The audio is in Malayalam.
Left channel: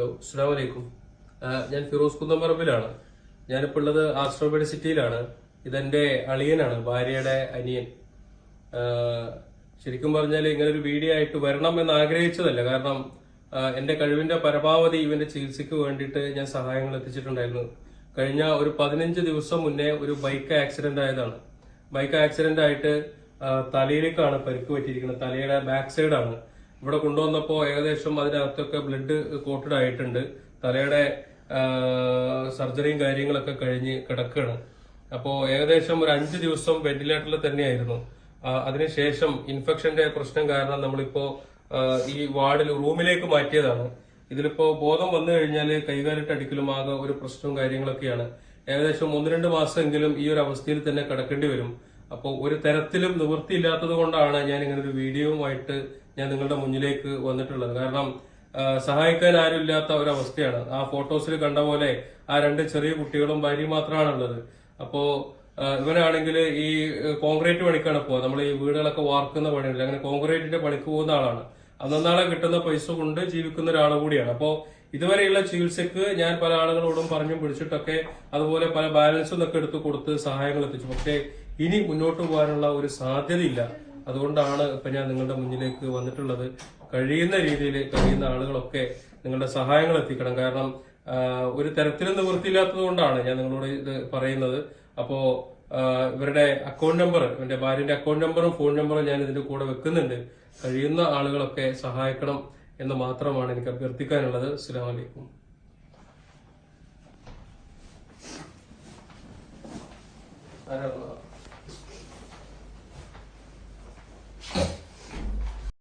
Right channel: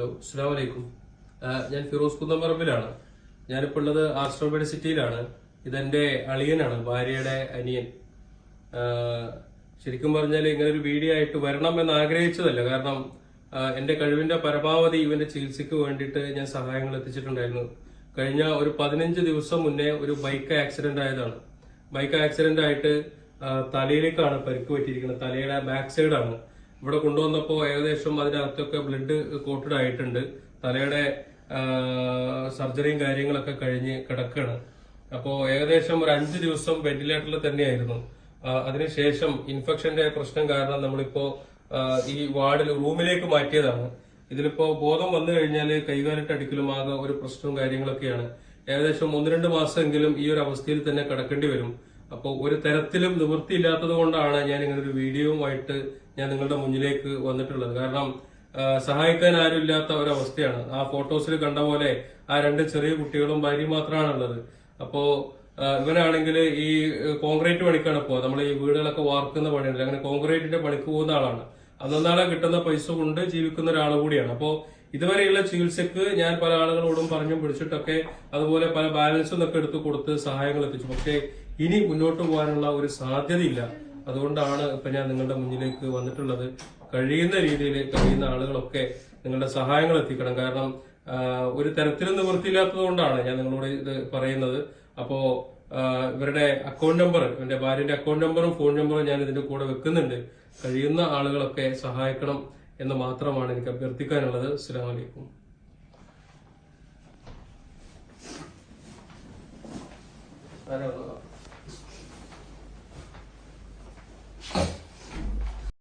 ഹലോ, അസ്സലാമു അലൈക്കും. ഞാൻ ഫിറോസ് കുന്നംപറമ്പിലാണ്. ഞാനിപ്പോൾ ഉള്ളത് ആസ്ട്രോബെഡ് സിറ്റിയിലാണ്. ഇതെന്റെ അളിയനാണ്, ഭാര്യയുടെ അനിയൻ. ശരിക്കും പറഞ്ഞാൽ ഇങ്ങനെ ഒരു വീഡിയോ ആയിട്ട് വരണം എന്ന് ആഗ്രഹിച്ചതല്ല. കാരണം എന്റെ കഴിവിന്റെ പരമാവധി ഇവന്റെ ചികിത്സയ്ക്ക് വേണ്ടിയിട്ട് ഞാൻ സഹായങ്ങൾ എത്തിച്ചിട്ടുണ്ടായിരുന്നു. കഴിഞ്ഞ ഒരു 15 ദിവസം മുന്നേ ഒരു ബൈക്ക് ആക്സിഡന്റ് ആയതാണ്. ബൈക്ക് ആക്സിഡന്റ് ആയിട്ട് തലയിലേക്കാണ് പരിക്ക് പറ്റിയിരിക്കുന്നത്. തലയുടെ ബാക്ക് സൈഡാണ്. ഇവിടെ കൊണ്ടുവന്നപ്പോ ഏകദേശം അതിനകത്തൊക്കെ ബ്ലഡ് കോട്ടഡ് ആയിട്ടുണ്ട്. തലയുടെ സർജറിയും കാര്യങ്ങളൊക്കെ കഴിഞ്ഞ് കിടക്കുകയാണ്. അപ്പോ ഏകദേശം ഒരു 5 ദിവസം വെന്റിലേറ്ററിൽ തന്നെയായിരുന്നു. അതിനുശേഷം ഇൻഫെക്ഷന്റെ പ്രശ്നം കാരണം നമ്മളിപ്പോ ഈ വാർഡിൽ റൂമിലേക്ക് മാറ്റിയതാണ്. ഇതിലിപ്പോ ബോധം വന്നു കഴിഞ്ഞാൽ കൈകാലിട്ട് അടിക്കലും ആകെ ഒരു പ്രശ്നവും കാര്യങ്ങളൊക്കെയാണ്. ഏകദേശം 1-2 മാസമെങ്കിലും ഈ ഒരു അവസ്ഥയിൽ തന്നെ കിടക്കേണ്ടി വരും. അപ്പോൾ ഒരു തരത്തിലും നിവൃത്തിയില്ലാത്തത് കൊണ്ടാണ് ഞാൻ ഇങ്ങനെ ഒരു വീഡിയോയുമായിട്ട് ഞാൻ നിങ്ങളുടെ മുന്നിലേക്ക് വന്നിട്ടുള്ളത്. കാരണം സഹായിക്കാൻ ആരുമില്ലാത്ത ഒരവസ്ഥയാണ്. ആ ഫോട്ടോസിൽ കണ്ട പോലെ ആ 2 ചെറിയ കുട്ടികളും ഭാര്യയും മാത്രമാണുള്ളത്. അപ്പോ ഇവനാണെങ്കിൽ ഈ കോൺക്രീറ്റ് പണിക്കാണ് ഇപ്പോ നമ്മൾ ഈ വീടുകളൊക്കെ വാർക്കുന്ന പണിയല്ല, അങ്ങനെ കോൺക്രീറ്റിന്റെ പണിക്ക് പോകുന്ന ആളാണ്. അന്നാളെ കിട്ടുന്ന പൈസ കൊണ്ട് ജീവിക്കുന്ന ഒരാൾ കൂടിയാണ്. അപ്പോ ഇതുവരെയുള്ള ചികിത്സക്ക് ഞാൻ പല ആളുകളോടും പറഞ്ഞു പിടിച്ചിട്ടൊക്കെ അതുപോലെ പല ബാലൻസും ഒക്കെ എടുത്ത് കൊടുത്ത് സഹായങ്ങൾ എത്തിച്ചു. പക്ഷേ ഇനി മുന്നോട്ട് പോകാനുള്ള ഒരു സാധ്യതയില്ല. അതുകൊണ്ടാണ് ഇപ്പൊ ഞാൻ നിങ്ങളുടെ മുന്നിലേക്ക് വന്നിട്ടുള്ളത്. കഴിയുന്ന രീതിയിൽ കഴിയുന്ന ആളുകളൊക്കെ നിങ്ങളുടെ സഹായങ്ങൾ എത്തിക്കണം. കാരണം ഒരു തരത്തിലും നിവൃത്തിയില്ലാത്തത് കൊണ്ടാണ് ഞാൻ നിങ്ങളോട് ഇത് പറയുന്നത്. അപ്പോ ഇവരുടെ അക്കൗണ്ട് നമ്പർ, എന്റെ ഭാര്യന്റെ അക്കൗണ്ട് നമ്പറും ഫോൺ നമ്പറും ഞാൻ ഇതിന്റെ കൂടെ വെക്കുന്നുണ്ട്. കഴിയുന്ന ആളുകളൊക്കെ സഹായിക്കണം എന്ന് മാത്രമാണ് എനിക്ക് അഭ്യർത്ഥിക്കാനുള്ളത്. അസ്സലാമു അലൈക്കും.